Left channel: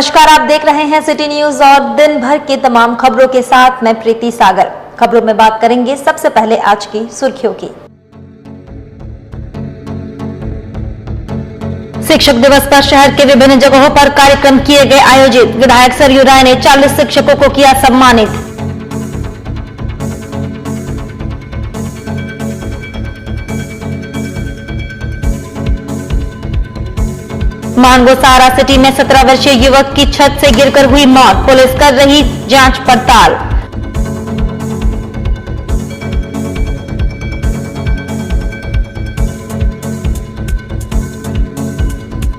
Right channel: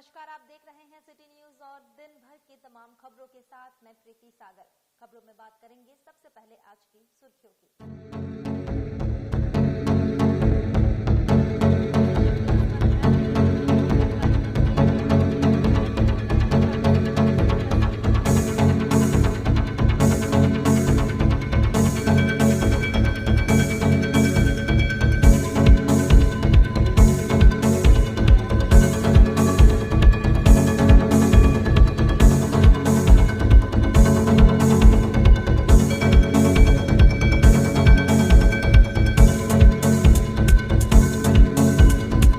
नमस्कार, आप देख रहे हैं सिटी न्यूज और दिन भर की तमाम खबरों के साथ मैं प्रीति सागर। खबरों में बात करेंगे सबसे पहले आज की सुर्खियों की। शिक्षक दिवस पर शहर के विभिन्न जगहों पर कार्यक्रम किए गए आयोजित। विधायक सरयू राय ने 40 शिक्षकों को किया सम्मानित। मानगो सहारा सिटी में 17 वर्षीय युवक की छत से गिरकर हुई मौत। पुलिस कर रही जांच पड़ताल।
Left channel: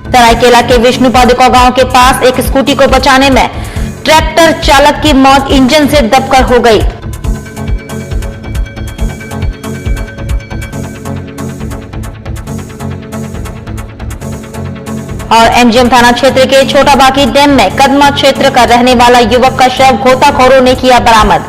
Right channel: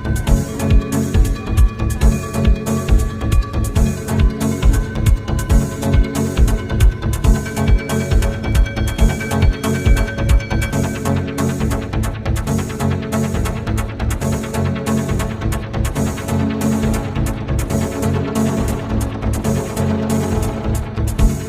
सरायकेला के विष्णु पादुका गांव के पास एक स्कूटी को बचाने में ट्रैक्टर चालक की मौत इंजन से दबकर हो गई। और एमजीएम थाना क्षेत्र के छोटा बाकी डैम में कदमा क्षेत्र का रहने वाला युवक का शव गोताखोरों ने किया बरामद।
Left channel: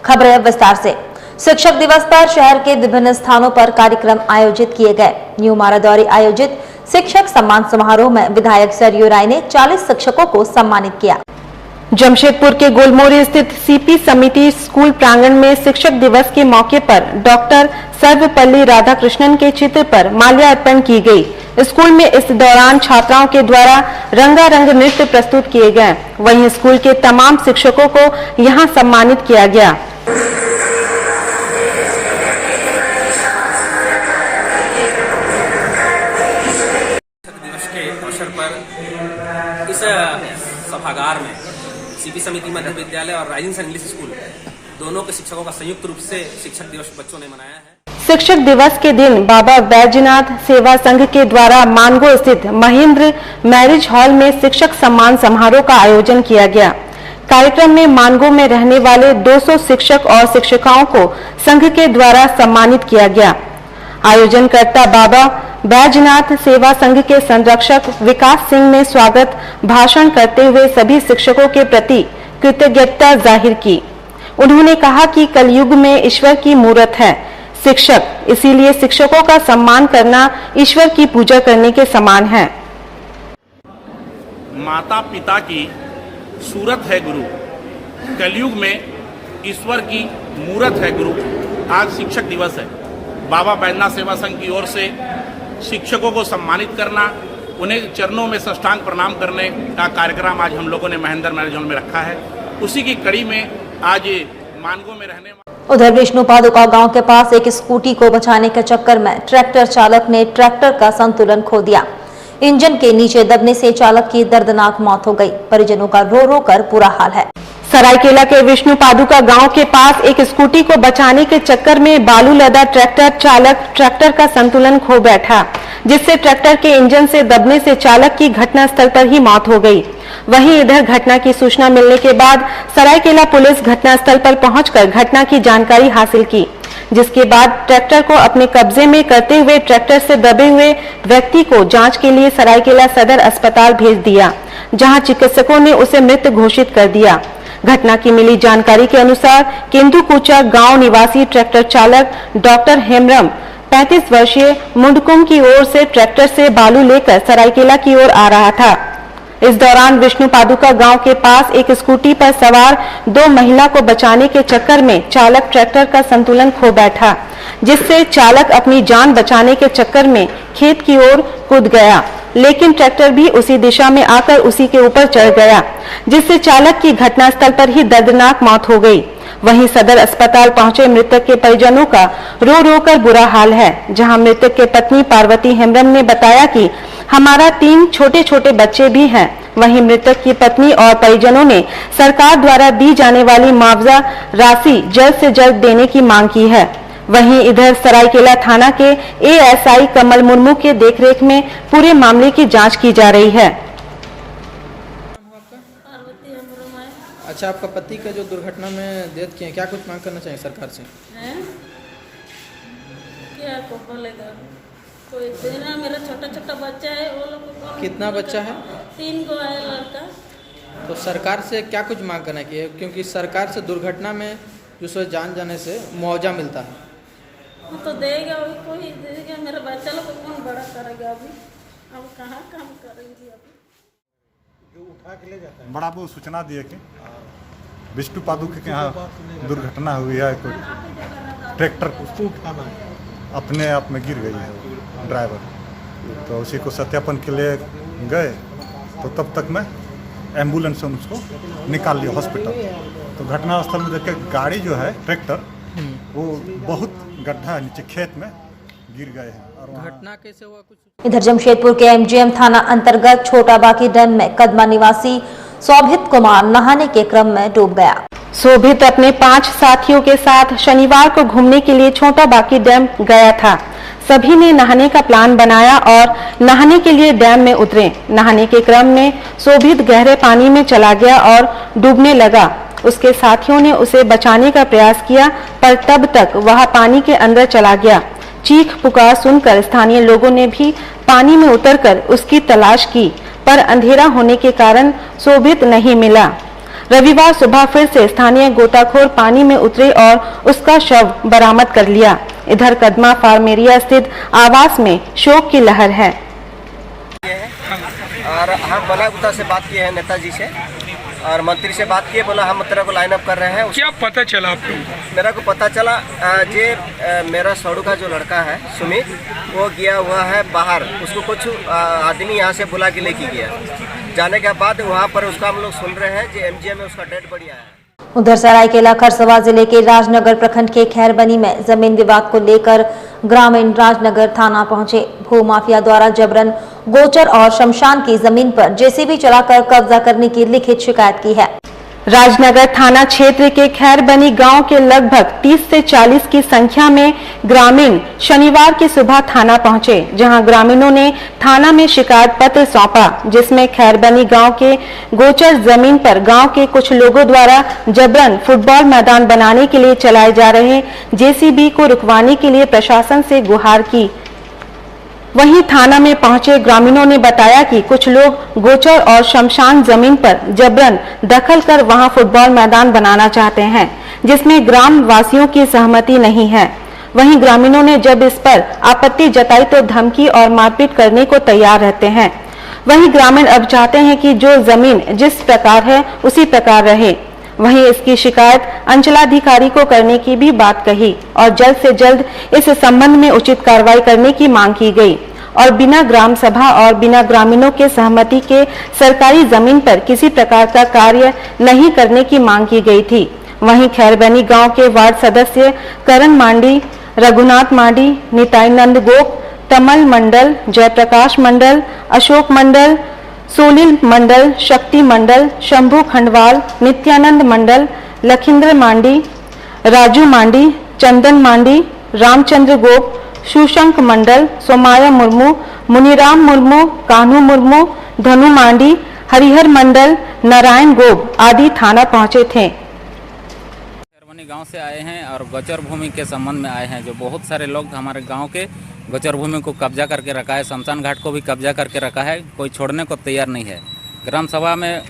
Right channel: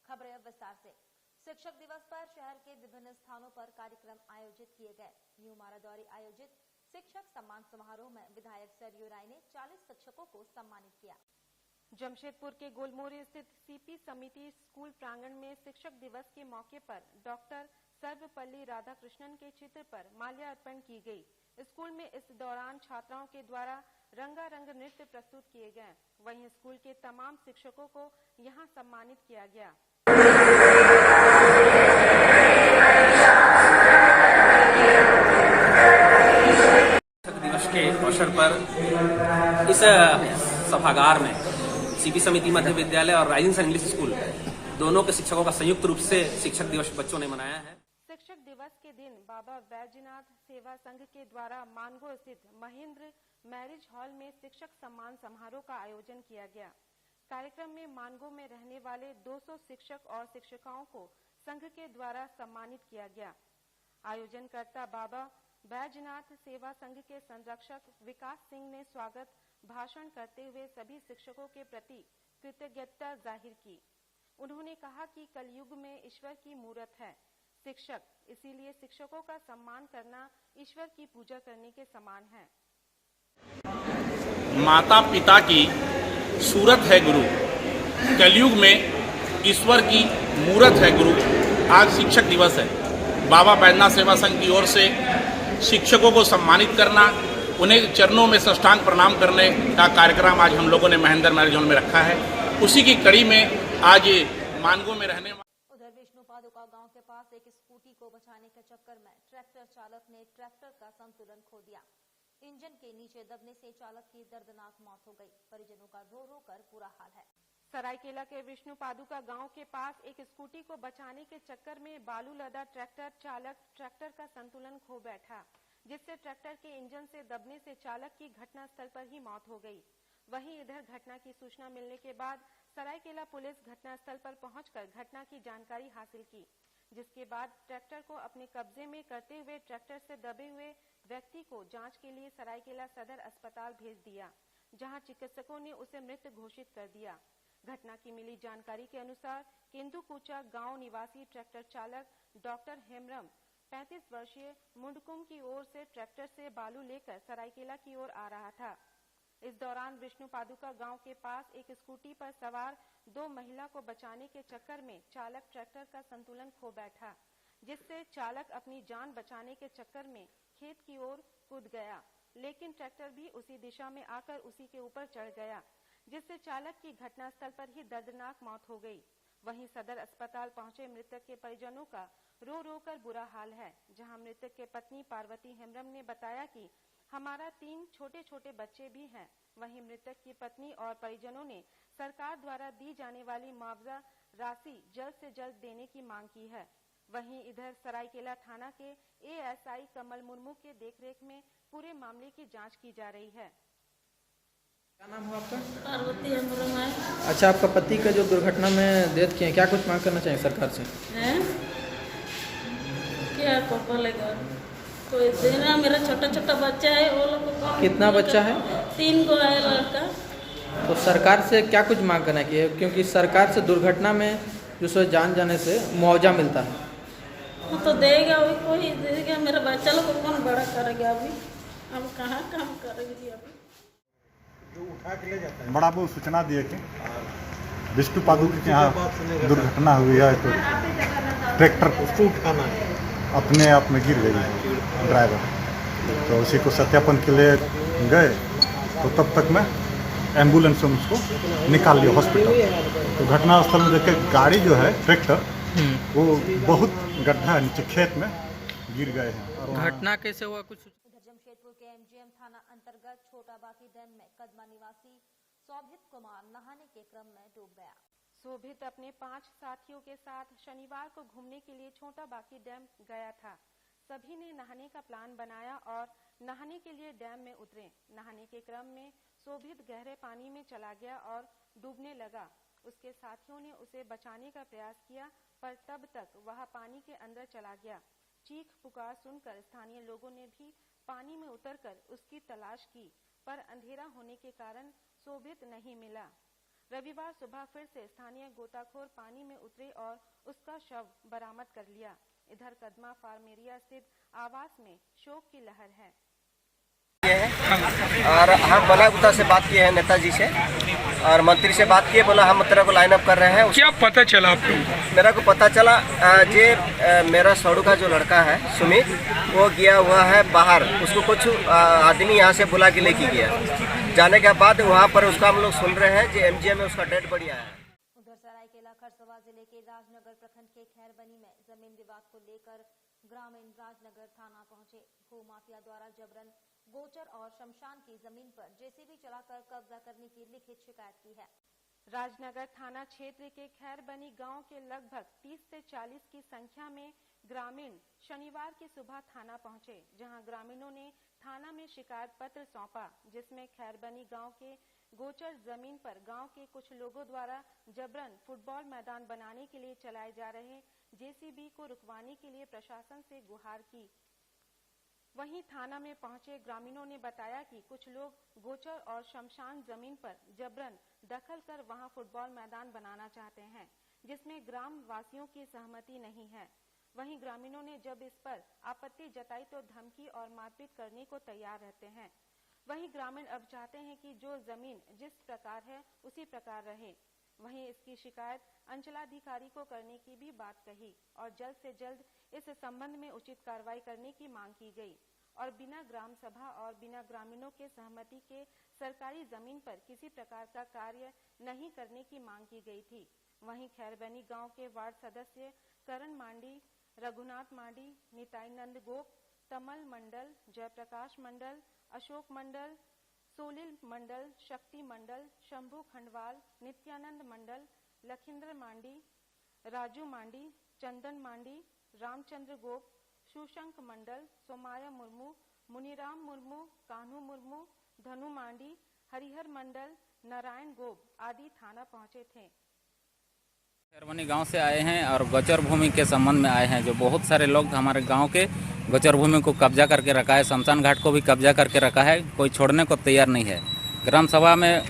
खबरें विस्तार से। शिक्षक दिवस पर शहर के विभिन्न स्थानों पर कार्यक्रम आयोजित किए गए। न्यू मारादौरी आयोजित शिक्षक सम्मान समारोह में विधायक सरयू राय ने 40 शिक्षकों को सम्मानित किया। जमशेदपुर के गोलमोरी स्थित सीपी समिति स्कूल प्रांगण में शिक्षक दिवस के मौके पर डॉक्टर सर्वपल्ली राधाकृष्णन के चित्र पर माल्यार्पण की गई। स्कूल में इस दौरान छात्राओं के द्वारा रंगारंग नृत्य प्रस्तुत किए गए। वहीं स्कूल के तमाम शिक्षकों को यहां सम्मानित किया गया। शिक्षक दिवस के अवसर पर इस सभागार में सीपी समिति मध्य विद्यालय और राइजिंग सन इंग्लिश स्कूल दोनों के शिक्षकों का संयुक्त रूप से शिक्षक दिवस बच्चों ने मनाया है। शिक्षक दिवस के दिन बाबा बैजनाथ सेवा संघ के द्वारा मानगो स्थित महेंद्र मैरिज हॉल में शिक्षक सम्मान समारोह का आयोजन किया गया। कार्यक्रम में मानगो में रहने वाले 200 शिक्षक और शिक्षिकाओं को संघ के द्वारा सम्मानित किया गया। आयोजनकर्ता बाबा बैजनाथ सेवा संघ के संरक्षक विकास सिंह ने स्वागत भाषण करते हुए सभी शिक्षकों के प्रति कृतज्ञता जाहिर की। उन्होंने कहा कि कलयुग में ईश्वर की मूरत है शिक्षक, इसीलिए शिक्षकों का सम्मान करना ईश्वर की पूजा करने के समान है। माता पिता की सूरत है गुरु, कलयुग में ईश्वर की मूरत है गुरु। आज शिक्षक दिवस है। बाबा बैजनाथ सेवा संघ की ओर से शिक्षकों को सम्मानित करना, उन्हें चरणों में साष्टांग प्रणाम करने का कार्यक्रम आज हम लोगों ने महेंद्र मैरिज हॉल में रखा है। उसी की कड़ी में आज मानगो में रहने उधर विष्णु पादुका गांव के पास एक स्कूटी को बचाने के चक्कर में ट्रैक्टर चालक ने ट्रैक्टर का संतुलन खो दिया। इंजन के नीचे दबने से चालक की दर्दनाक मौत हो गई। परिजनों का रो रो कर बुरा हाल है। सरायकेला के विष्णु पादुका गांव के पास एक स्कूटी को बचाने के चक्कर में बालू लदा ट्रैक्टर चालक ट्रैक्टर का संतुलन खो बैठा, जिससे ट्रैक्टर के इंजन से दबने से चालक की घटनास्थल पर ही मौत हो गई। वहीं इधर घटना की सूचना मिलने के बाद सरायकेला पुलिस घटनास्थल पर पहुंचकर घटना की जानकारी हासिल की, जिसके बाद ट्रैक्टर को अपने कब्जे में करते हुए ट्रैक्टर से दबे हुए व्यक्ति को जांच के लिए सरायकेला सदर अस्पताल भेज दिया, जहां चिकित्सकों ने उसे मृत घोषित कर दिया। घटना की मिली जानकारी के अनुसार केंदुकुचा गांव निवासी ट्रैक्टर चालक डॉक्टर हेमरम 35 वर्षीय मुंडकुम की ओर से ट्रैक्टर से बालू लेकर सरायकेला की ओर आ रहा था। इस दौरान विष्णु पादुका गांव के पास एक स्कूटी पर सवार 2 महिला को बचाने के चक्कर में चालक ट्रैक्टर का संतुलन खो बैठा, जिससे चालक अपनी जान बचाने के चक्कर में खेत की ओर कूद गया, लेकिन ट्रैक्टर भी उसी दिशा में आकर उसी के ऊपर चढ़ गया, जिससे चालक की घटनास्थल पर ही दर्दनाक मौत हो गई। वहीं सदर अस्पताल पहुंचे मृतक के परिजनों का रो रो कर बुरा हाल है, जहां मृतक के पत्नी पार्वती हेमरम ने बताया कि हमारा 3 छोटे छोटे बच्चे भी हैं। वहीं मृतक की पत्नी और परिजनों ने सरकार द्वारा दी जाने वाली मुआवजा राशि जल्द से जल्द देने की मांग की है। वहीं इधर सरायकेला थाना के एएसआई कमल मुर्मू के देखरेख में पूरे मामले की जांच की जा रही है। अच्छा, आपका पति का जो दुर्घटना में डेथ किए, क्या कुछ मांग करना चाहिए सरकार से? क्या को बोलेगा कोई देना। मेरा छोटा छोटा बच्चा है, वो लोग को कितना बच्चा है? 3 गो है लड़का। तो सरकार से क्या कुछ मांग करना चाहिए, क्योंकि सरकार से दुर्घटना में जो सो जान जाने से मुआवजा मिलता है। वो तो देगा, वही कोई देगा। मेरे बच्चा लोग को कौन बड़ा करेगा अभी? अब कहाँ काम करेगी अभी? बड़ा वो सूचना दिए कि विष्णु पादुका के यहाँ दुर्घटना हुई है, तो ट्रैक्टर अपने आप में गिर गई है ड्राइवर, तो उसी को सत्यापन के लिए गए, तो तब तक मैं एम्बुलेंस से उसको निकाल लिया हॉस्पिटल। तो घटनास्थल में देखे गाड़ी जो है ट्रैक्टर वो बहुत गड्ढा है, नीचे खेत में गिर गए हैं। और घटना कैसे हुआ कुछ? इधर जमशेदपुर के एमजीएम थाना अंतर्गत छोटा बाकी डैम में कदमा निवासी शोभित कुमार नहाने के क्रम में डूब गया। शोभित अपने 5 साथियों के साथ शनिवार को घूमने के लिए छोटा बाकी डैम गया था। सभी ने नहाने का प्लान बनाया और नहाने के लिए डैम में उतरे। नहाने के क्रम में शोभित गहरे पानी में चला गया और डूबने लगा। उसके साथियों ने उसे बचाने का प्रयास किया, पर तब तक वह पानी के अंदर चला गया। चीख पुकार सुनकर स्थानीय लोगों ने भी पानी में उतरकर उसकी तलाश की, पर अंधेरा होने के कारण शोभित नहीं मिला। रविवार सुबह फिर से स्थानीय गोताखोर पानी में उतरे और उसका शव बरामद कर लिया। इधर कदमा फार्म एरिया स्थित आवास में शोक की लहर है। और हम बलागुता से बात किए हैं, नेताजी से और मंत्री से बात किए, बोला हम तेरे को लाइन अप कर रहे हैं। क्या पता चला आपको? मेरा को पता चला मेरा सड़ू का जो लड़का है सुमित, वो गया हुआ है बाहर, उसको कुछ आदमी यहाँ से बुला के लेके गया। जाने के बाद वहाँ पर उसका हम लोग सुन रहे हैं जो एमजीएम में उसका डेड बॉडी आया है। उधर सरायकेला खरसवा जिले के राजनगर प्रखंड के खैरबनी में जमीन विवाद को लेकर ग्रामीण राजनगर थाना पहुंचे। भूमाफिया द्वारा जबरन गोचर और शमशान की जमीन पर जेसीबी चलाकर कब्जा करने की लिखित शिकायत की है। राजनगर थाना क्षेत्र के खैरबनी गांव के लगभग 30 से 40 की संख्या में ग्रामीण शनिवार की सुबह थाना पहुंचे, जहां ग्रामीणों ने थाना में शिकायत पत्र सौंपा, जिसमें खैरबनी गांव के गोचर जमीन पर गांव के कुछ लोगों द्वारा जबरन फुटबॉल मैदान बनाने के लिए चलाए जा रहे जेसीबी को रुकवाने के लिए प्रशासन से गुहार की। वहीं थाना में पहुंचे ग्रामीणों ने बताया कि कुछ लोग गोचर और शमशान जमीन पर जबरन दखल कर वहां फुटबॉल मैदान बनाना चाहते हैं, जिसमें ग्राम वासियों की सहमति नहीं है। वहीं ग्रामीणों ने जब इस पर आपत्ति जताई तो धमकी और मारपीट करने को तैयार रहते हैं। वहीं ग्रामीण अब चाहते हैं कि जो जमीन जिस प्रकार है उसी प्रकार रहे। वहीं इसकी शिकायत अंचलाधिकारी को करने की भी बात कही और जल्द से जल्द इस संबंध में उचित कार्रवाई करने की मांग की गई और बिना ग्राम सभा और बिना ग्रामीणों के सहमति के सरकारी जमीन पर किसी प्रकार का कार्य नहीं करने की मांग की गई थी। वहीं खैरबनी गांव के वार्ड सदस्य करण मांडी, रघुनाथ मांडी, निताईनंद गोप, तमल मंडल, जयप्रकाश मंडल, अशोक मंडल, सोलिल मंडल, शक्ति मंडल, शंभू खंडवाल, नित्यानंद मंडल, लखिंद्र मांडी, राजू मांडी, चंदन मांडी, रामचंद्र गोप, सुशंक मंडल, सोमाया मुर्मू, मुनीराम मुर्मू, कान्हू मुर्मू, धनु मांडी, हरिहर मंडल, नारायण गोप आदि थाना पहुंचे थे। खैरबनी गांव से आए हैं और गोचर भूमि के संबंध में आए हैं। जो बहुत सारे लोग हमारे गांव के गोचर भूमि को कब्जा करके रखा है, शमशान घाट को भी कब्जा करके रखा है, कोई छोड़ने को तैयार नहीं है। ग्राम सभा में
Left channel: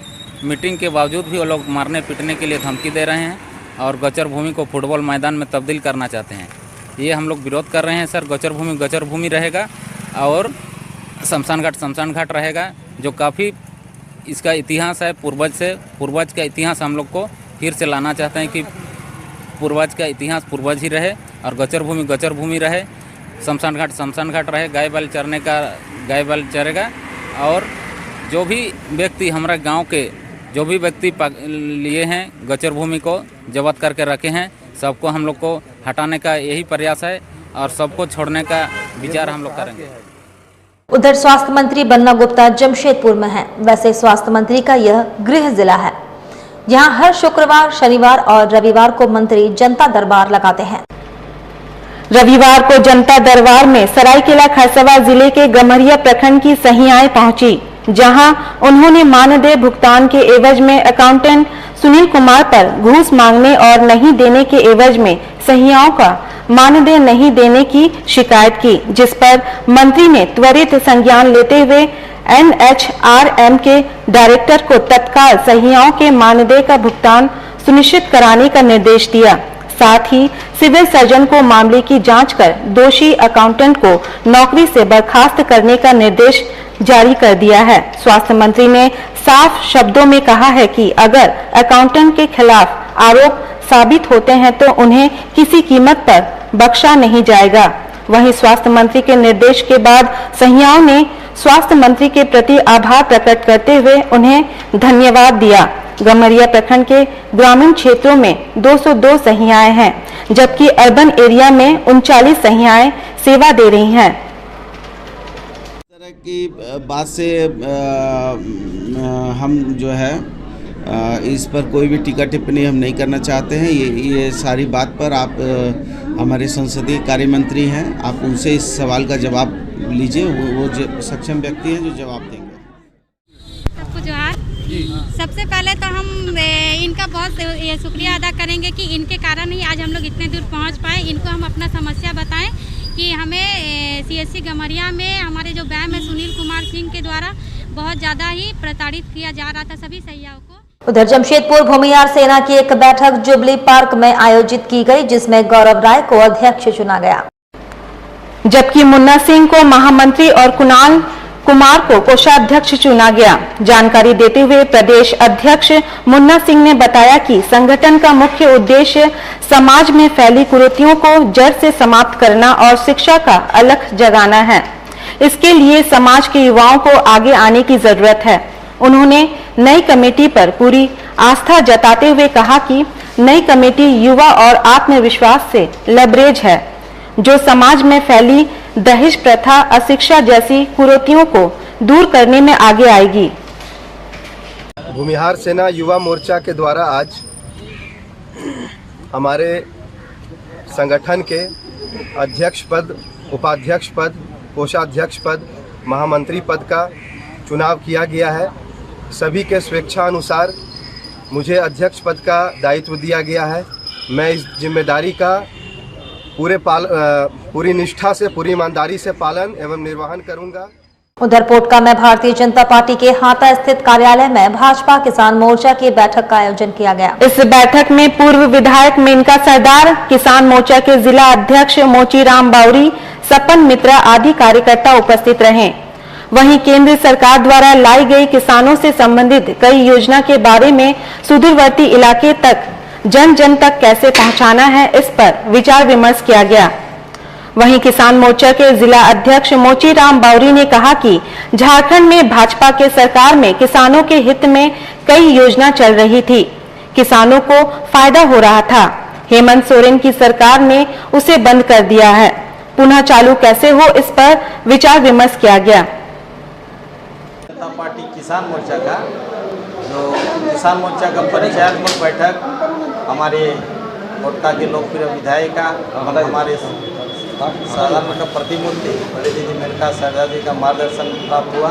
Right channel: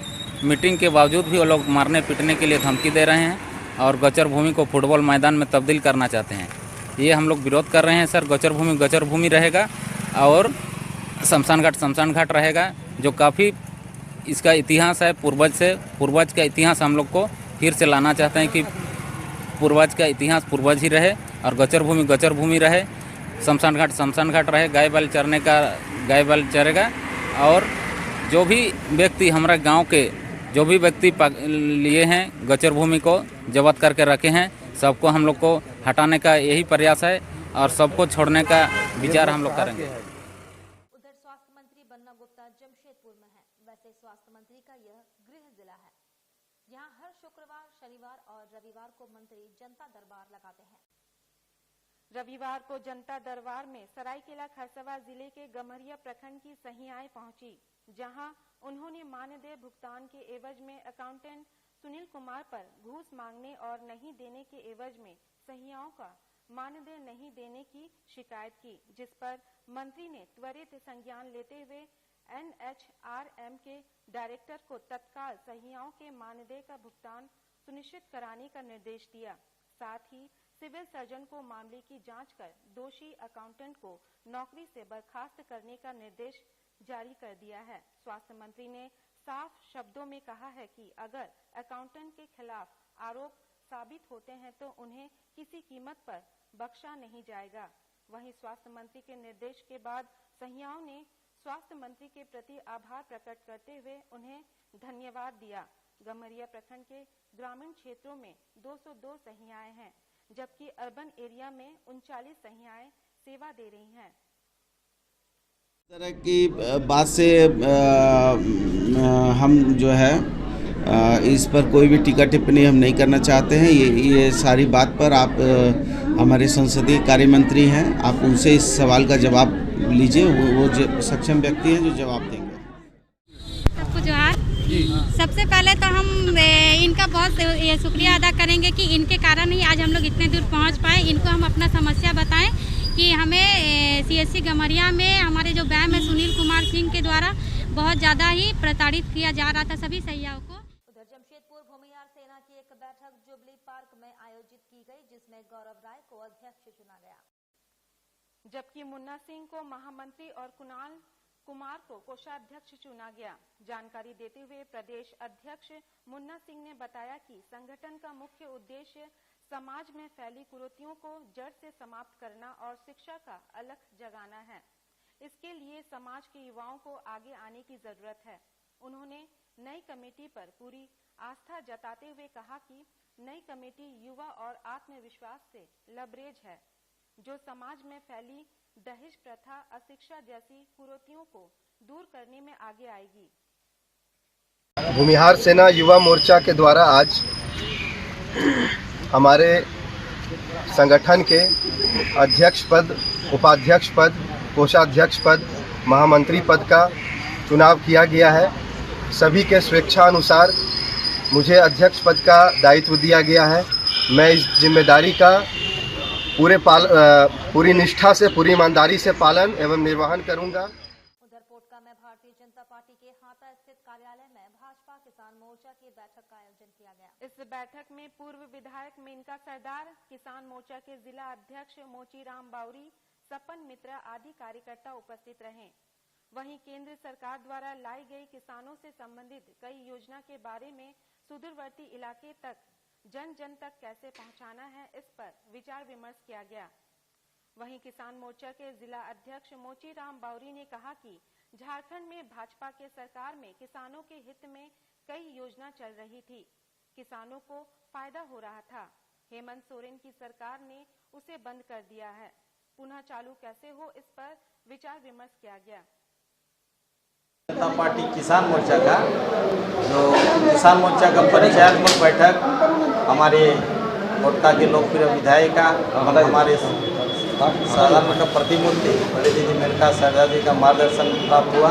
मीटिंग के बावजूद भी वो लोग मारने पीटने के लिए धमकी दे रहे हैं और गोचर भूमि को फुटबॉल मैदान में तब्दील करना चाहते हैं। ये हम लोग विरोध कर रहे हैं सर। गोचर भूमि रहेगा और शमशान घाट रहेगा, जो काफ़ी इसका इतिहास है पूर्वज का इतिहास हम लोग को फिर से लाना चाहते हैं कि पूर्वज का इतिहास पूर्वज ही रहे और गोचर भूमि रहे, शमशान घाट रहे, गाय बैल चरने का गाय बैल चरेगा। और जो भी व्यक्ति हमारे गांव के जो भी व्यक्ति लिए हैं गोचर भूमि को जब्त करके रखे हैं, सबको हम लोग को हटाने का यही प्रयास है और सबको छोड़ने का विचार हम लोग करेंगे। उधर स्वास्थ्य मंत्री बन्ना गुप्ता जमशेदपुर में हैं। वैसे स्वास्थ्य मंत्री का यह गृह जिला है। यहाँ हर शुक्रवार, शनिवार और रविवार को मंत्री जनता दरबार लगाते हैं। रविवार को जनता दरबार में सरायकेला खरसवा जिले के गम्हरिया प्रखंड की सहियाएं पहुंची, जहां उन्होंने मानदेय भुगतान के एवज में अकाउंटेंट सुनील कुमार पर घूस मांगने और नहीं देने के एवज में सहियाओं का मानदेय नहीं देने की शिकायत की, जिस पर मंत्री ने त्वरित संज्ञान लेते हुए NHRM के डायरेक्टर को तत्काल सहियाओं के मानदेय का भुगतान सुनिश्चित कराने का निर्देश दिया। साथ ही सिविल सर्जन को मामले की जांच कर दोषी अकाउंटेंट को नौकरी से बर्खास्त करने का निर्देश जारी कर दिया है। स्वास्थ्य मंत्री ने साफ शब्दों में कहा है कि अगर अकाउंटेंट के खिलाफ आरोप साबित होते हैं तो उन्हें किसी कीमत पर बख्शा नहीं जाएगा। वहीं स्वास्थ्य मंत्री के निर्देश के बाद सहियाओं ने स्वास्थ्य मंत्री के प्रति आभार प्रकट करते हुए उन्हें धन्यवाद दिया। गमरिया प्रखंड के ग्रामीण क्षेत्रों में 202 सहियाएं हैं, जबकि अर्बन एरिया में 39 सहियाएं सेवा दे रही हैं। इस तरह की बात से हम जो है इस पर कोई भी टीका टिप्पणी हम नहीं करना चाहते हैं। ये सारी बात पर आप हमारे संसदीय कार्य मंत्री हैं, आप उनसे इस सवाल का जवाब लीजिए। वो सक्षम व्यक्ति हैं जो जवाब देंगे। सबको जोहार। सबसे पहले तो हम इनका बहुत शुक्रिया अदा करेंगे कि इनके कारण ही आज हम लोग इतने दूर पहुंच पाए। इनको हम अपना समस्या बताएं कि हमें सीएससी गमरिया में हमारे जो बैम है सुनील कुमार सिंह के द्वारा बहुत ज़्यादा ही प्रताड़ित किया जा रहा था सभी सहियाओं को। उधर जमशेदपुर भूमिहार सेना की एक बैठक जुबली पार्क में आयोजित की गई, जिसमें गौरव राय को अध्यक्ष चुना गया, जबकि मुन्ना सिंह को महामंत्री और कुणाल कुमार को कोषाध्यक्ष चुना गया। जानकारी देते हुए प्रदेश अध्यक्ष मुन्ना सिंह ने बताया कि संगठन का मुख्य उद्देश्य समाज में फैली कुरीतियों को जड़ से समाप्त करना और शिक्षा का अलख जगाना है। इसके लिए समाज के युवाओं को आगे आने की जरूरत है। उन्होंने नई कमेटी पर पूरी आस्था जताते हुए कहा कि नई कमेटी युवा और आत्मविश्वास से लबरेज है, जो समाज में फैली दहेज प्रथा, अशिक्षा जैसी कुरीतियों को दूर करने में आगे आएगी। भूमिहार सेना युवा मोर्चा के द्वारा आज हमारे संगठन के अध्यक्ष पद, उपाध्यक्ष पद, कोषाध्यक्ष पद, महामंत्री पद का चुनाव किया गया है। सभी के स्वेच्छानुसार मुझे अध्यक्ष पद का दायित्व दिया गया है। मैं इस जिम्मेदारी का पूरी निष्ठा से, पूरी ईमानदारी से पालन एवं निर्वहन करूंगा। उधर पोटका में भारतीय जनता पार्टी के हाता स्थित कार्यालय में भाजपा किसान मोर्चा की बैठक का आयोजन किया गया। इस बैठक में पूर्व विधायक मेनका सरदार, किसान मोर्चा के जिला अध्यक्ष मोचीराम बाउरी, सपन मित्रा आदि कार्यकर्ता उपस्थित रहे। वहीं केंद्र सरकार द्वारा लाई गई किसानों से संबंधित कई योजना के बारे में सुदूरवर्ती इलाके तक जन जन तक कैसे पहुंचाना है, इस पर विचार विमर्श किया गया। वहीं किसान मोर्चा के जिला अध्यक्ष मोचीराम बाउरी ने कहा कि झारखंड में भाजपा के सरकार में किसानों के हित में कई योजना चल रही थी, किसानों को फायदा हो रहा था। हेमंत सोरेन की सरकार ने उसे बंद कर दिया है, पुनः चालू कैसे हो, इस पर विचार विमर्श किया गया। जनता पार्टी किसान मोर्चा का किसान मोर्चा का परिचयात्मक बैठक हमारे पोटका के लोकप्रिय विधायिका और हमारे साधारण का प्रतिमूर्ति बड़े दीदी मेनका सरदार जी का मार्गदर्शन प्राप्त हुआ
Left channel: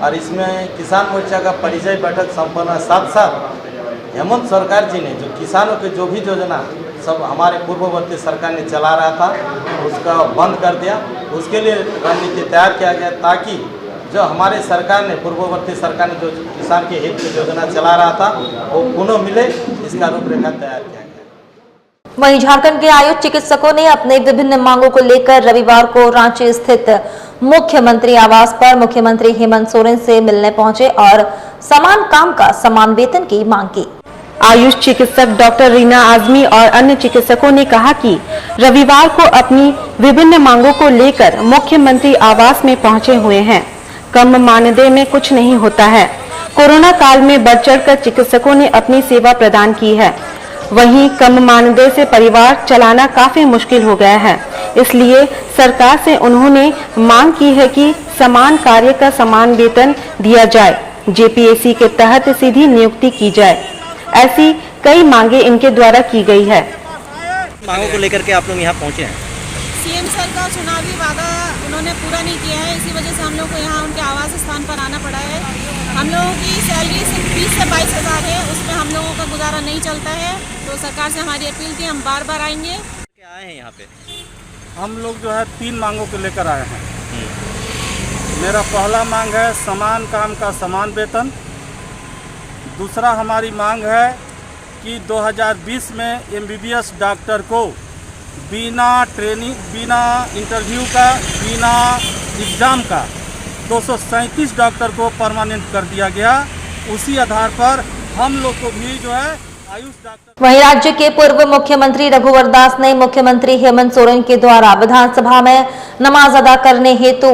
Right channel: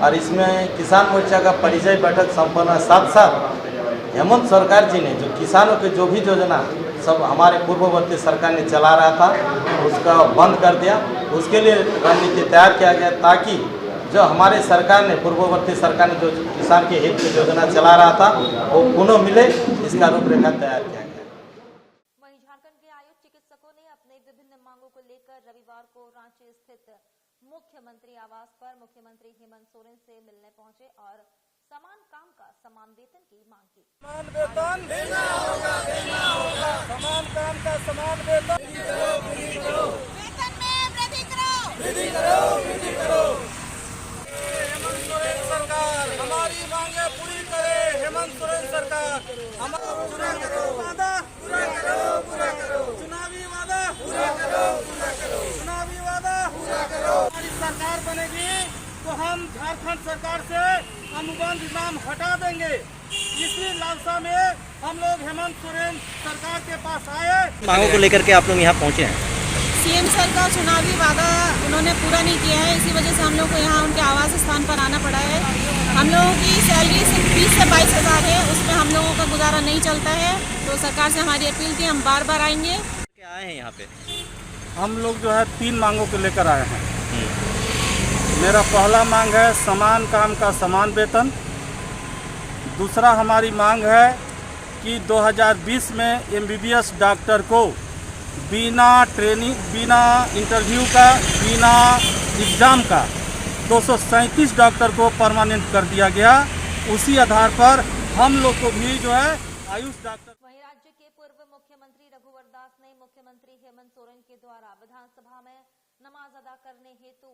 और इसमें किसान मोर्चा का परिचय बैठक संपन्न। साथ साथ हेमंत सरकार जी ने जो किसानों के जो भी योजना सब हमारे पूर्ववर्ती सरकार ने चला रहा था उसका बंद कर दिया। उसके लिए रणनीति तैयार किया गया ताकि जो हमारे सरकार ने, पूर्ववर्ती सरकार ने जो किसान के हित की योजना चला रहा था वो पुनः मिले, इसका रूपरेखा तैयार किया गया। वहीं झारखंड के आयुष चिकित्सकों ने अपने विभिन्न मांगों को लेकर रविवार को रांची स्थित मुख्यमंत्री आवास पर मुख्यमंत्री हेमंत सोरेन से मिलने पहुंचे और समान काम का समान वेतन की मांग की। आयुष चिकित्सक डॉक्टर रीना आजमी और अन्य चिकित्सकों ने कहा कि रविवार को अपनी विभिन्न मांगों को लेकर मुख्यमंत्री आवास में पहुंचे हुए हैं। कम मानदेय में कुछ नहीं होता है। कोरोना काल में बढ़ चढ़कर चिकित्सकों ने अपनी सेवा प्रदान की है। वहीं कम मानदेय से परिवार चलाना काफी मुश्किल हो गया है। इसलिए सरकार से उन्होंने मांग की है कि समान कार्य का समान वेतन दिया जाए, जेपीएससी के तहत सीधी नियुक्ति की जाए। ऐसी कई मांगे इनके द्वारा की गई है। मांगों को लेकर के आप लोग यहाँ पहुँचे हैं। सीएम सर का चुनावी वादा उन्होंने पूरा नहीं किया है, इसी वजह से हम लोग को यहाँ उनके आवास स्थान पर आना पड़ा है। हम लोगों की सैलरी सिर्फ 20 से 22 हज़ार है, उसमें हम लोगों का गुजारा नहीं चलता है। तो सरकार से हमारी अपील थी, हम बार बार आएंगे। क्या आए हैं यहाँ पे? हम लोग जो है 3 मांगों को लेकर आए हैं। मेरा पहला मांग है समान काम का समान वेतन। दूसरा हमारी मांग है कि 2020 में MBBS डॉक्टर को बिना ट्रेनिंग, बिना इंटरव्यू का, बिना एग्ज़ाम का 237 डॉक्टर को परमानेंट कर दिया गया। उसी आधार पर हम लोग को भी जो है आयुष डॉक्टर। वहीं राज्य के पूर्व मुख्यमंत्री रघुवर दास ने मुख्यमंत्री हेमंत सोरेन के द्वारा विधानसभा में नमाज अदा करने हेतु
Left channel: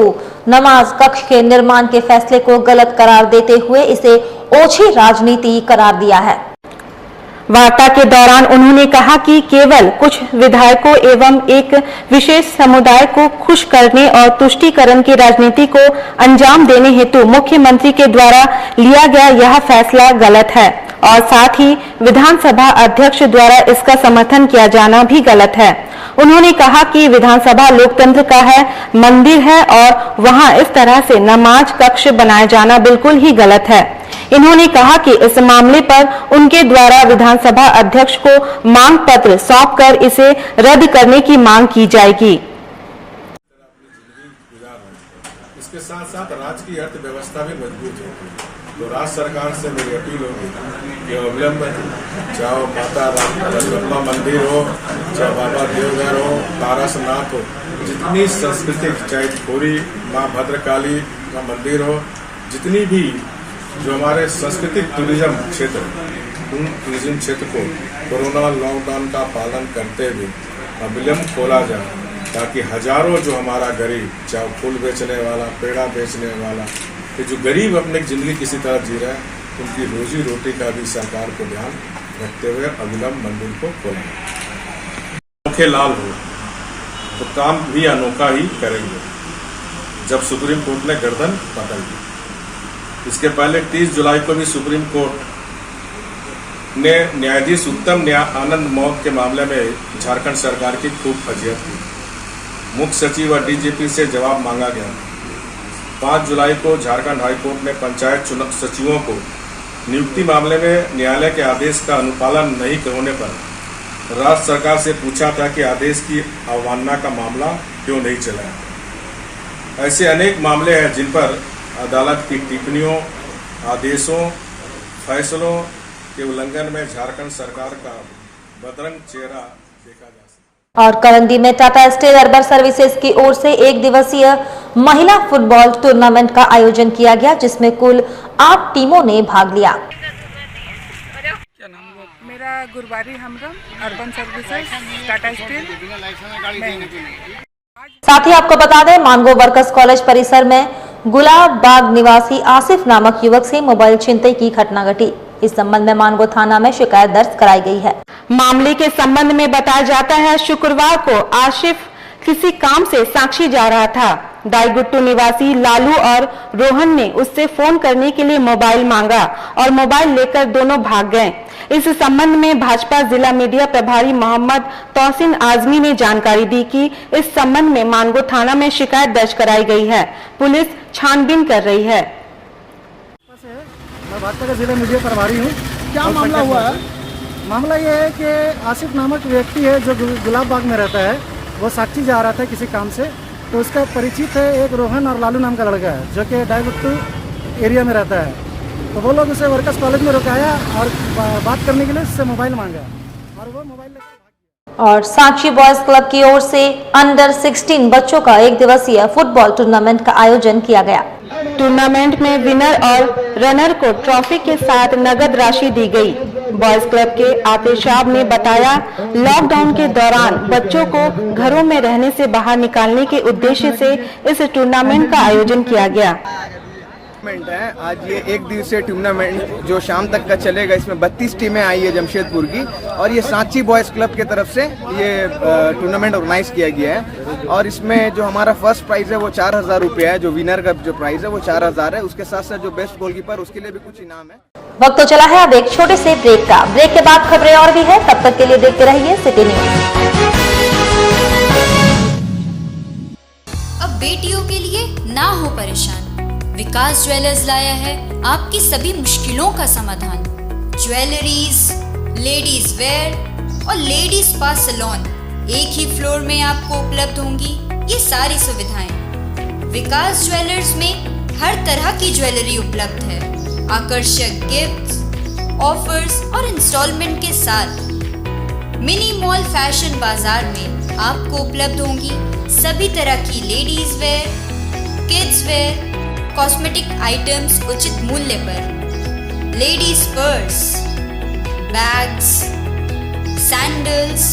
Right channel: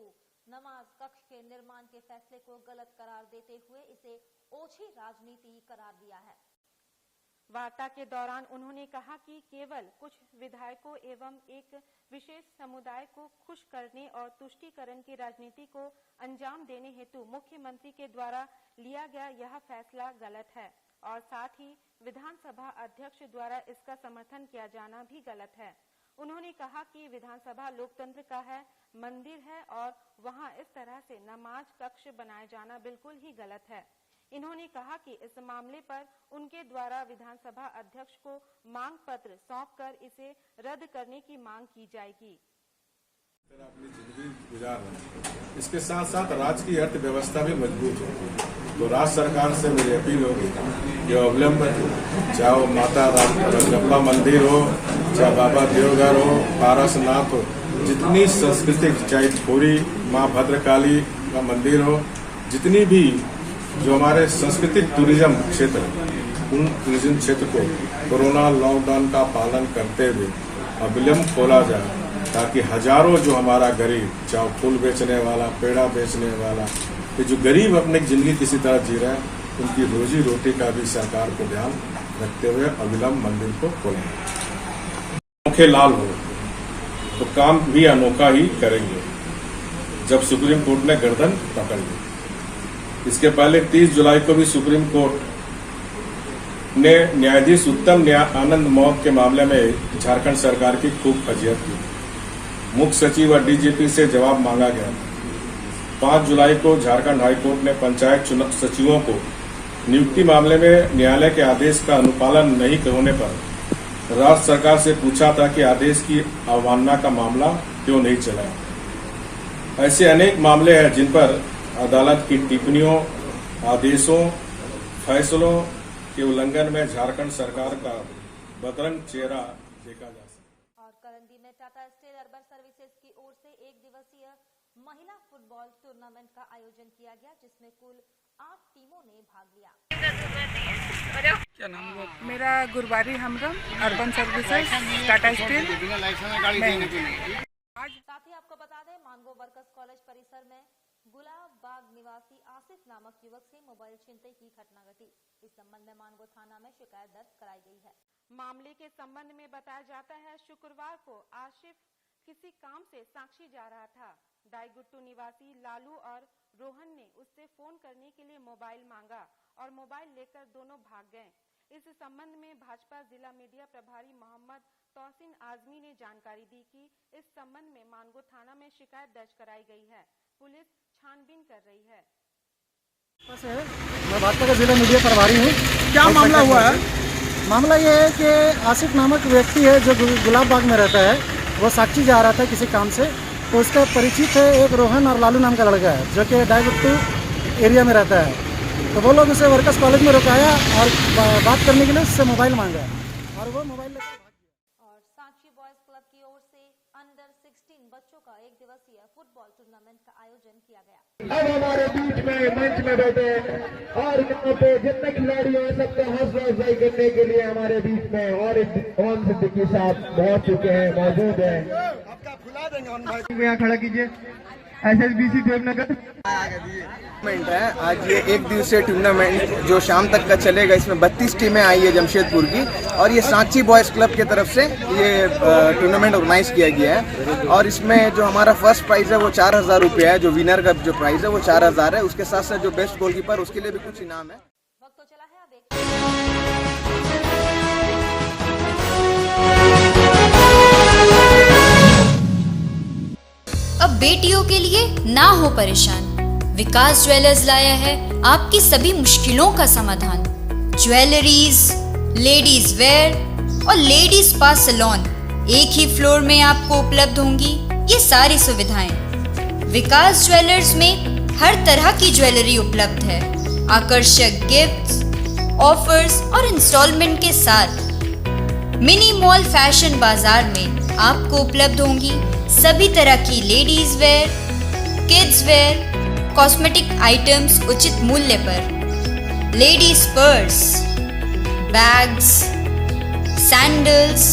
नमाज कक्ष के निर्माण के फैसले को गलत करार देते हुए इसे ओछी राजनीति करार दिया है। वार्ता के दौरान उन्होंने कहा कि केवल कुछ विधायकों एवं एक विशेष समुदाय को खुश करने और तुष्टीकरण की राजनीति को अंजाम देने हेतु मुख्यमंत्री के द्वारा लिया गया यह फैसला गलत है और साथ ही विधानसभा अध्यक्ष द्वारा इसका समर्थन किया जाना भी गलत है। उन्होंने कहा कि विधानसभा लोकतंत्र का है, मंदिर है और वहां इस तरह से नमाज कक्ष बनाया जाना बिल्कुल ही गलत है। इन्होंने कहा कि इस मामले पर उनके द्वारा विधानसभा अध्यक्ष को मांग पत्र सौंपकर इसे रद्द करने की मांग की जाएगी। इसके साथ साथ राज्य की अर्थव्यवस्था भी मजबूत होगी। तो राज्य सरकार से मेरी अपील होगी कि अविलंब चाहे वो माता रजरप्पा मंदिर हो, चाहे बाबा देवघर हो, पारसनाथ हो, जितनी सांस्कृतिक, चाहे पूरी माँ भद्रकाली का मंदिर हो, जितनी भी जो हमारे सांस्कृतिक टूरिज्म क्षेत्र, उन टूरिज्म क्षेत्र को कोरोना लॉकडाउन का पालन करते हुए अविलंब खोला जाए, ताकि हजारों जो हमारा गरीब, चाहे फूल बेचने वाला, पेड़ा बेचने वाला, ये जो गरीब अपनी जिंदगी किसी तरह जी रहा है, उनकी रोजी रोटी का भी सरकार को ध्यान रखते हुए अविलंब मंदिर को खोलें। अनोखे लाल हो तो काम भी अनोखा ही करेंगे जब सुप्रीम कोर्ट ने गर्दन पकड़ ली। इसके पहले 30 जुलाई को भी सुप्रीम कोर्ट ने न्यायाधीश उत्तम आनंद मौत के मामले में झारखंड सरकार की खूब फजीहत की। मुख्य सचिव और डीजीपी से जवाब मांगा गया। 5 जुलाई को झारखंड हाईकोर्ट ने पंचायत सचिवों को नियुक्ति मामले में न्यायालय के आदेश का अनुपालन नहीं होने पर राज्य सरकार से पूछा था कि आदेश की अवमानना का मामला क्यों नहीं चलाया। ऐसे अनेक मामले हैं जिन पर अदालत की टिप्पणियों, आदेशों, फैसलों के उल्लंघन में झारखंड सरकार का बदरंग चेहरा देखा जा सकता है। और करंदी में टाटा स्टील अर्बन सर्विसेज की ओर से 1 दिवसीय महिला फुटबॉल टूर्नामेंट का आयोजन किया गया, जिसमें कुल 8 टीमों ने भाग लिया। क्या नाम है? मेरा गुरबारी हमरम, अर्बन सर्विसेज, टाटा स्टील। साथ ही आपको बता दें, मानगो वर्कर्स कॉलेज परिसर में गुलाब बाग निवासी आसिफ नामक युवक से मोबाइल छीनते की घटना घटी। इस संबंध में मानगो थाना में शिकायत दर्ज कराई गई है। मामले के संबंध में बताया जाता है, शुक्रवार को आसिफ किसी काम से साक्षी जा रहा था। दाईगुट्टू निवासी लालू और रोहन ने उससे फोन करने के लिए मोबाइल मांगा और मोबाइल लेकर दोनों भाग गए। इस संबंध में भाजपा जिला मीडिया प्रभारी मोहम्मद तौसीन आजमी ने जानकारी दी कि इस संबंध में मानगो थाना में शिकायत दर्ज कराई गई है। पुलिस छानबीन कर रही है। मैं भाजपा का जिला मीडिया प्रभारी हूँ। क्या मामला हुआ है? मामला ये है कि आसिफ नामक व्यक्ति है जो गुलाब बाग में रहता है, वो साक्षी जा रहा था किसी काम से, तो उसका परिचित है एक रोहन और लालू नाम का लड़का है जो कि दाईगुट्टू एरिया में रहता है। तो वो लोग उसे वर्कर्स कॉलेज में रुकाया और बात करने के लिए उससे मोबाइल मांगा और वो मोबाइल लेकर और साक्षी बॉयज क्लब की ओर से अंडर 16 बच्चों का 1 दिवसीय फुटबॉल टूर्नामेंट का आयोजन किया गया। टूर्नामेंट में विनर और रनर को ट्रॉफी के साथ नगद राशि दी गई। बॉयज क्लब के आतिशाब ने बताया, लॉकडाउन के दौरान बच्चों को घरों में रहने से बाहर निकालने के उद्देश्य से इस टूर्नामेंट का आयोजन किया गया। है आज ये 1 दिवसीय टूर्नामेंट जो शाम तक का चलेगा। इसमें 32 टीमें आई है जमशेदपुर की और ये सांची बॉयज क्लब की तरफ से ये टूर्नामेंट ऑर्गेनाइज किया गया है। और इसमें जो हमारा फर्स्ट प्राइज है वो 4000 रुपये है, जो विनर का जो प्राइज है वो 4000 है। उसके साथ साथ जो बेस्ट गोलकीपर उसके लिए भी कुछ इनाम है। वक्त तो चला है अब एक छोटे से ब्रेक का। ब्रेक के बाद खबरें और भी है, तब तक के लिए देखते रहिए सिटी न्यूज। अब बेटियों के लिए ना हो परेशान, विकास ज्वेलर्स लाया है आपकी सभी मुश्किलों का समाधान। ज्वेलरीज, लेडीज वेयर और लेडीज स्पा सैलून एक ही फ्लोर में आपको उपलब्ध होंगी ये सारी सुविधाएं। विकास ज्वेलर्स में हर तरह की ज्वेलरी उपलब्ध है। आकर्षक गिफ्ट्स, ऑफर्स और इंस्टॉलमेंट के साथ मिनी मॉल फैशन बाजार में आपको उपलब्ध होंगी सभी तरह की ladies wear, kids wear, cosmetic items उचित मूल्य पर। Ladies purse, bags, sandals,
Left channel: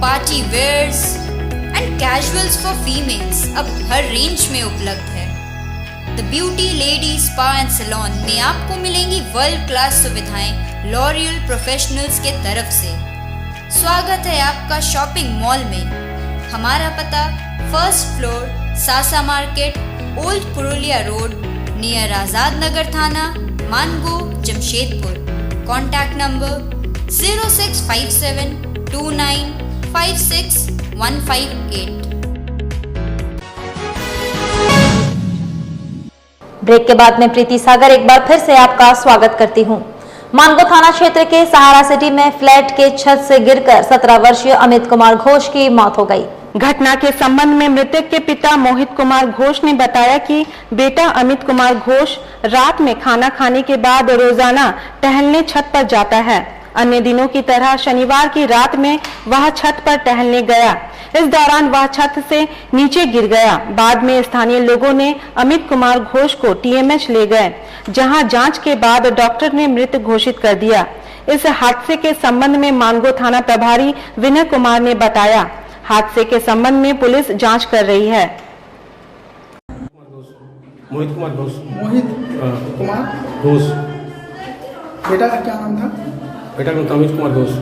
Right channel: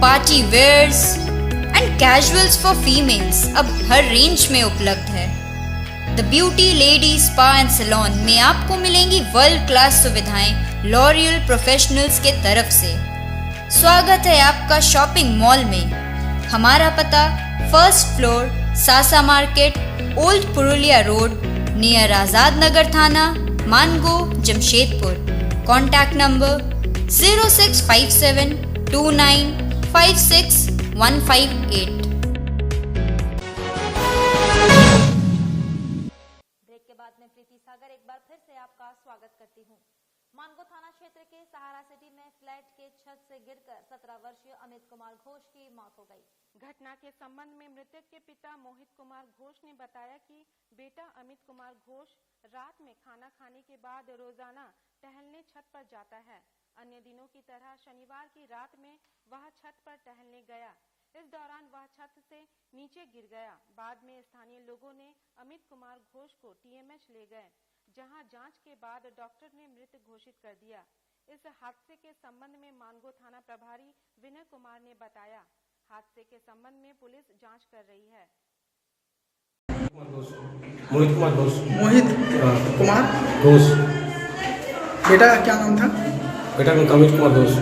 party wears and casuals for females अब हर रेंज में उपलब्ध है। The beauty lady spa and salon में आपको मिलेंगी वर्ल्ड क्लास सुविधाएं लॉरियल प्रोफेशनल्स के तरफ से। स्वागत है आपका शॉपिंग मॉल में। हमारा पता first floor, Sasa market, old Purulia road, near Azad Nagar थाना, Mango, Jamshedpur. Contact number 0657 29 56 158। Break के बाद में प्रीति सागर एक बार फिर से आपका स्वागत करती हूं। मानगो थाना क्षेत्र के सहारा सिटी में फ्लैट के छत से गिरकर 17 वर्षीय अमित कुमार घोष की मौत हो गई। घटना के संबंध में मृतक के पिता मोहित कुमार घोष ने बताया कि बेटा अमित कुमार घोष रात में खाना खाने के बाद रोजाना टहलने छत पर जाता है। अन्य दिनों की तरह शनिवार की रात में वह छत पर टहलने गया। इस दौरान वह छत से नीचे गिर गया। बाद में स्थानीय लोगों ने अमित कुमार घोष को टीएमएच ले गए, जहां जांच के बाद डॉक्टर ने मृत घोषित कर दिया। इस हादसे के संबंध में मानगो थाना प्रभारी विनय कुमार ने बताया, हादसे के संबंध में पुलिस जांच कर रही है। मोहित कुमार घोष। मोहित कुमार घोष। बेटा का क्या नाम था? बेटा का अमित कुमार घोष।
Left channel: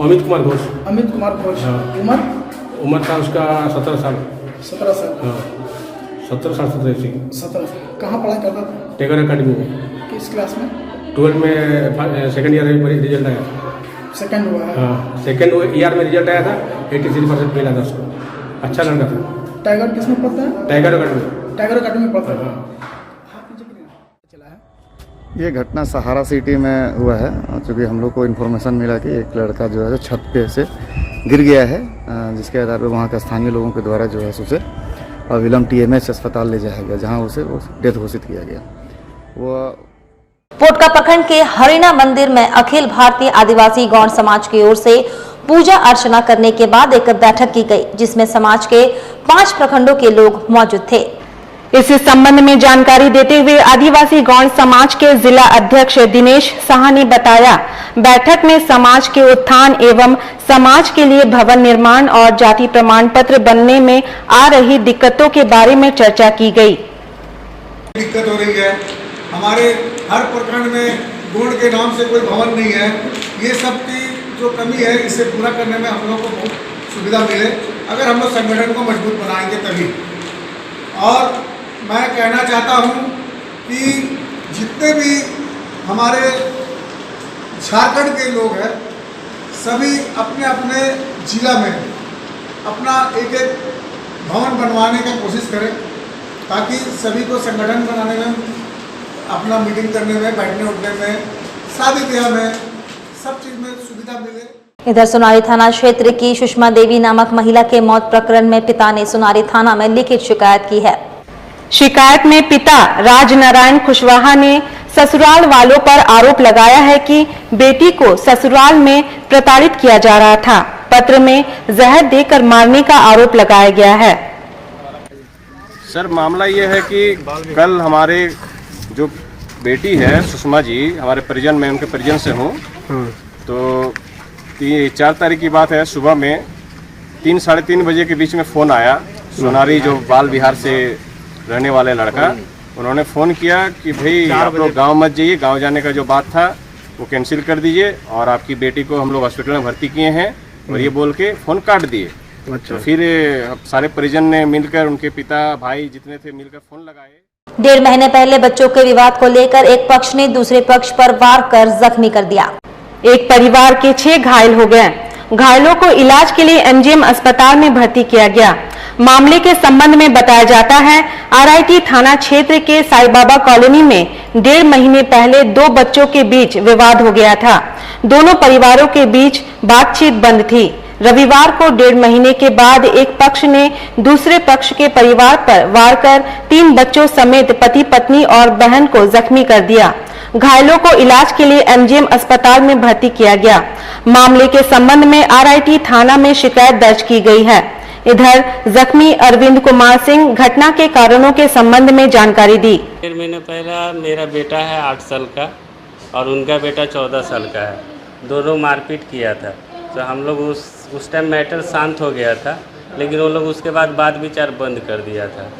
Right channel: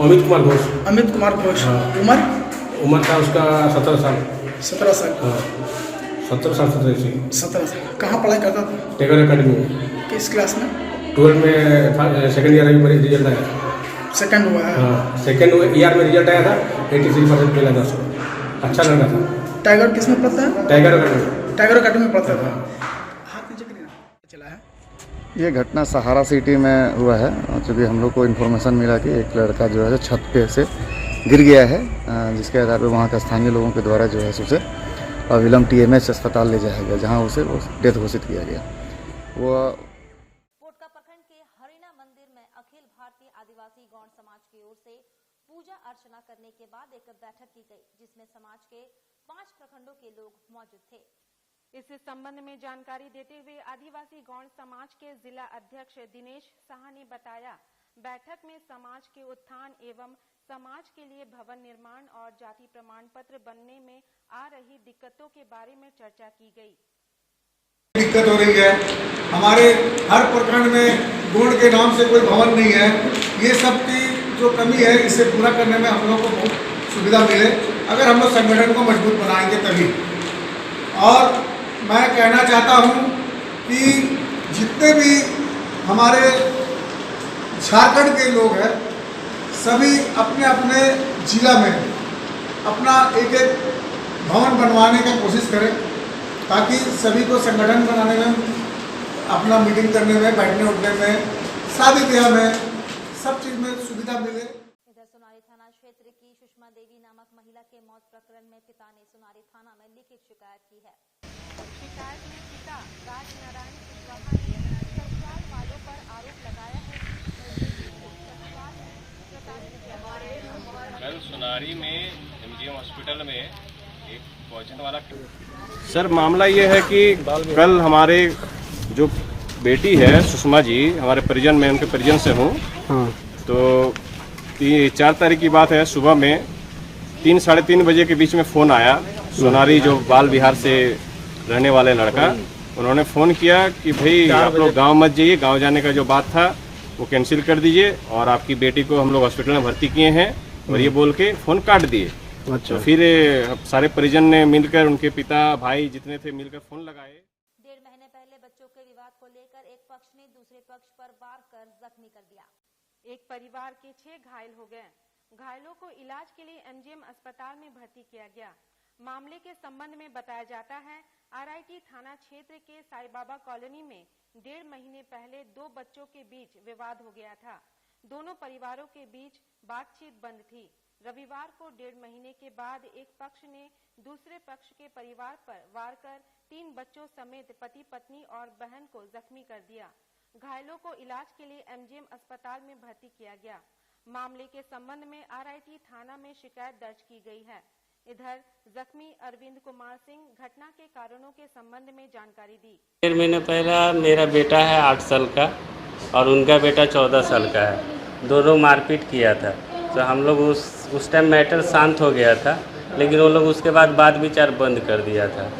अमित कुमार घोष। अमित कुमार घोष। उम्र था उसका 17 साल। 17 साल। हाँ, 17 साल 17 साल। कहाँ पढ़ाई करता था? टेगर एकेडमी में। किस क्लास में? 12 में सेकंड ईयर में रिजल्ट आया। सेकंड हुआ है? हाँ, सेकंड ईयर में रिजल्ट आया था। 83% मिला था उसको। अच्छा लड़का था। टाइगर किस में पढ़ता है? Tiger academy. टाइगर एकेडमी में पढ़ता था। ये घटना सहारा सिटी में हुआ है, क्योंकि हम लोग को इन्फॉर्मेशन मिला कि एक लड़का जो है छत पे से गिर गया है, जिसके आधार पर वहाँ का स्थानीय लोगों के द्वारा जो है उसे अविलंब टीएमएच अस्पताल ले जाया गया, जहाँ उसे डेथ घोषित किया गया। वो पोटका प्रखंड के हरिणा मंदिर में अखिल भारतीय आदिवासी गौड़ समाज की ओर से पूजा अर्चना करने के बाद एक बैठक की गई, जिसमें समाज के 5 प्रखंडों के लोग मौजूद थे। इस संबंध में जानकारी देते हुए आदिवासी गौड़ समाज के जिला अध्यक्ष दिनेश साहा ने बताया, बैठक में समाज के उत्थान एवं समाज के लिए भवन निर्माण और जाति प्रमाण पत्र बनने में आ रही दिक्कतों के बारे में चर्चा की गई। दिक्कत हो रही है, हमारे हर प्रखंड में गौड़ के नाम से कोई भवन नहीं है। ये सब की जो कमी है, इसे पूरा करने में हम लोग को बहुत सुविधा मिले, अगर हम लोग संगठन को मजबूत बनाएंगे तभी। और मैं कहना चाहता हूँ कि जितने भी हमारे झारखंड के लोग हैं, सभी अपने अपने जिला में अपना एक भवन बनवाने की कोशिश करें, ताकि सभी को संगठन बनाने में, अपना मीटिंग करने में, बैठने उठने में, शादी ब्याह में, सब चीज़ में सुविधा मिले। इधर सुनारी थाना क्षेत्र की सुषमा देवी नामक महिला के मौत प्रकरण में पिता ने सुनारी थाना में लिखित शिकायत की है। शिकायत में पिता राजनारायण कुशवाहा ने ससुराल वालों पर आरोप लगाया है कि बेटी को ससुराल में प्रताड़ित किया जा रहा था। पत्र में जहर देकर मारने का आरोप लगाया गया है। सर, मामला ये है कि कल हमारे जो बेटी है सुषमा जी, हमारे परिजन में, उनके परिजन से हूँ, तो 4 तारीख की बात है। सुबह में 3 साढ़े 3 बजे के बीच में फ़ोन आया। सोनारी जो बाल विहार से रहने वाले लड़का, उन्होंने फ़ोन किया कि भाई आप लोग गांव मत जाइए, गांव जाने का जो बात था वो कैंसिल कर दीजिए, और आपकी बेटी को हम लोग हॉस्पिटल में भर्ती किए हैं, और ये बोल के फ़ोन काट दिए। अच्छा। तो फिर सारे परिजन ने मिलकर, उनके पिता भाई जितने थे मिलकर फ़ोन लगाए। 1.5 महीने पहले बच्चों के विवाद को लेकर एक पक्ष ने दूसरे पक्ष पर वार कर जख्मी कर दिया। एक परिवार के 6 घायल हो गए। घायलों को इलाज के लिए एमजीएम अस्पताल में भर्ती किया गया। मामले के संबंध में बताया जाता है, आरआईटी थाना क्षेत्र के साई बाबा कॉलोनी में 1.5 महीने पहले 2 बच्चों के बीच विवाद हो गया था। दोनों परिवारों के बीच बातचीत बंद थी। रविवार को 1.5 महीने के बाद एक पक्ष ने दूसरे पक्ष के परिवार पर वार कर 3 बच्चों समेत पति पत्नी और बहन को जख्मी कर दिया। घायलों को इलाज के लिए एमजीएम अस्पताल में भर्ती किया गया। मामले के संबंध में आरआईटी थाना में शिकायत दर्ज की गई है। इधर जख्मी अरविंद कुमार सिंह घटना के कारणों के संबंध में जानकारी दी। 1.5 महीने पहला मेरा बेटा है 8 साल का और उनका बेटा 14 साल का है। दोनों मारपीट किया था, तो हम लोग उस टाइम मैटर शांत हो गया था, लेकिन वो लोग उसके बाद बात विचार बंद कर दिया था।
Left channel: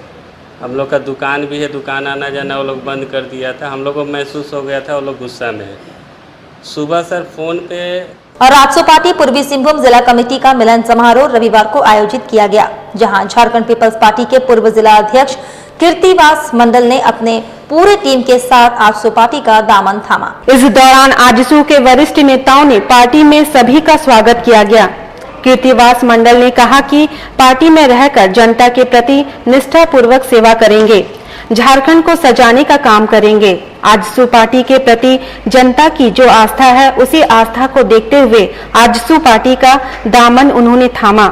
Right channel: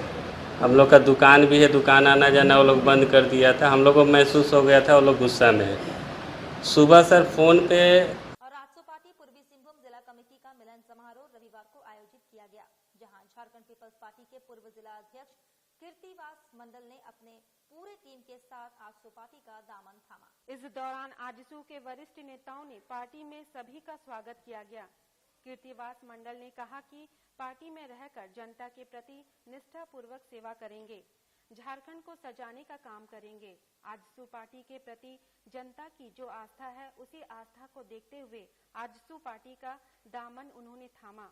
हम लोग का दुकान भी है, दुकान आना जाना वो लोग बंद कर दिया था। हम लोग को महसूस हो गया था वो लोग गुस्सा में है। सुबह सर फ़ोन पे और आजसू पार्टी पूर्वी सिंहभूम जिला कमेटी का मिलन समारोह रविवार को आयोजित किया गया, जहां झारखंड पीपल्स पार्टी के पूर्व जिला अध्यक्ष कीर्तिवास मंडल ने अपने पूरे टीम के साथ आजसू पार्टी का दामन थामा। इस दौरान आजसू के वरिष्ठ नेताओं ने पार्टी में सभी का स्वागत किया गया। कीर्तिवास मंडल ने कहा कि पार्टी में रहकर जनता के प्रति निष्ठापूर्वक सेवा करेंगे, झारखंड को सजाने का काम करेंगे। आजसू पार्टी के प्रति जनता की जो आस्था है, उसी आस्था को देखते हुए आजसू पार्टी का दामन उन्होंने थामा।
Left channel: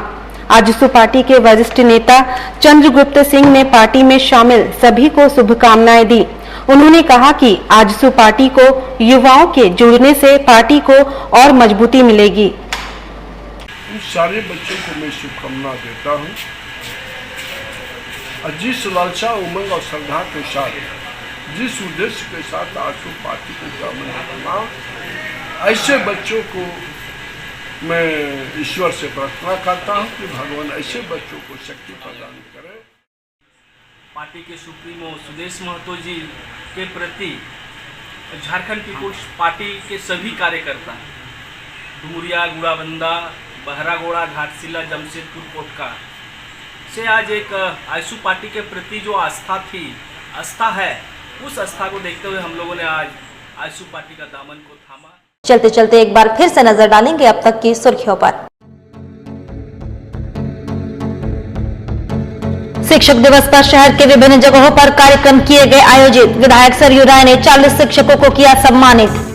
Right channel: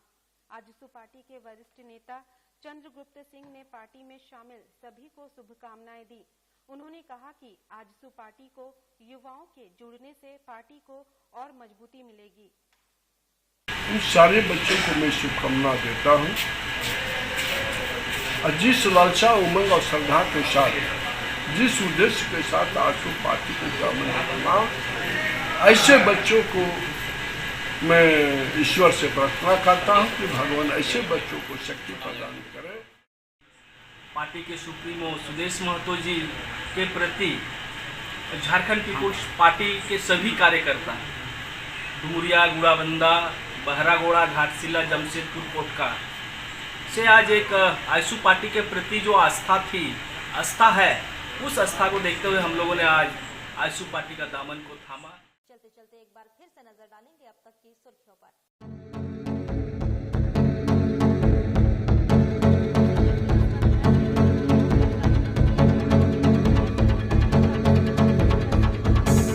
आजसू पार्टी के वरिष्ठ नेता चंद्रगुप्त सिंह ने पार्टी में शामिल सभी को शुभकामनाएं दी। उन्होंने कहा कि आजसू पार्टी को युवाओं के जुड़ने से पार्टी को और मजबूती मिलेगी। उन सारे बच्चों को मैं शुभकामना देता हूँ। जिस लालसा, उमंग और श्रद्धा के साथ, जिस उद्देश्य के साथ आजसू पार्टी को दामन थामा, ऐसे बच्चों को मैं ईश्वर से प्रार्थना करता हूँ कि भगवान ऐसे बच्चों को शक्ति प्रदान करे। पार्टी के सुप्रीमो सुदेश महतो जी के प्रति झारखंड पीपुल्स पार्टी के सभी कार्यकर्ता डुमरिया, गुड़ाबंदा, बहरागोड़ा, घाटशिला, जमशेदपुर, कोटका से आज एक आजसू पार्टी के प्रति जो आस्था है, उस आस्था को देखते हुए हम लोगों ने आज आजसू पार्टी का दामन को थामा। चलते चलते एक बार फिर से नजर डालेंगे अब तक की सुर्खियों पर। शिक्षक दिवस पर शहर के विभिन्न जगहों पर कार्यक्रम किए गए आयोजित। विधायक सरयू राय ने 40 शिक्षकों को किया सम्मानित।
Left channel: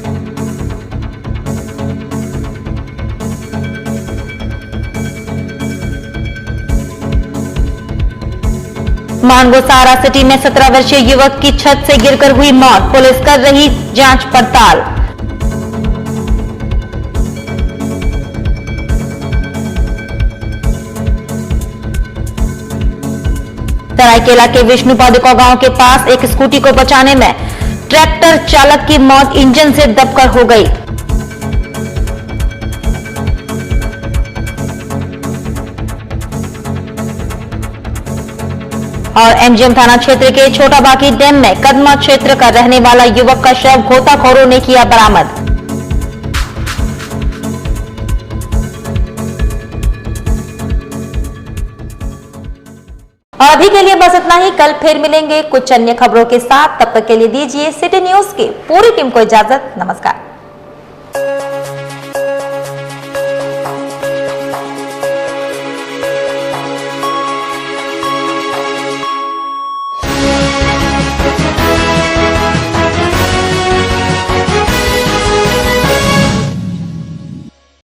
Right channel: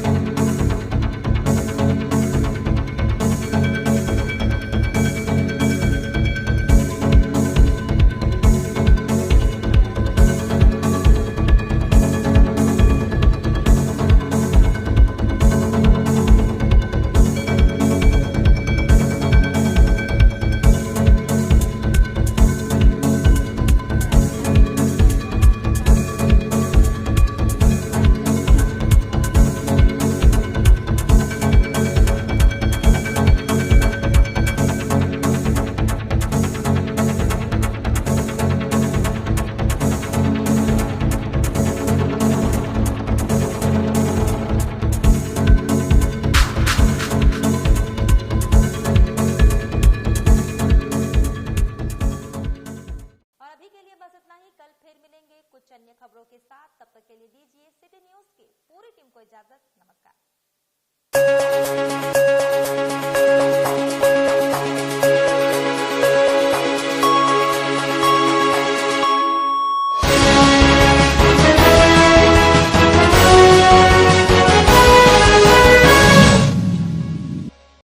मानगो सहारा सिटी में 17 वर्षीय युवक की छत से गिरकर हुई मौत, पुलिस कर रही जांच पड़ताल। सरायकेला के विष्णु पादुका गांव के पास एक स्कूटी को बचाने में ट्रैक्टर चालक की मौत इंजन से दबकर हो गई। और एमजीएम थाना क्षेत्र के छोटा बाकी डैम में कदमा क्षेत्र का रहने वाला युवक का शव गोताखोरों ने किया बरामद। और अभी के लिए बस इतना ही। कल फिर मिलेंगे कुछ अन्य खबरों के साथ। तब तक के लिए दीजिए सिटी न्यूज की पूरी टीम को इजाजत। नमस्कार।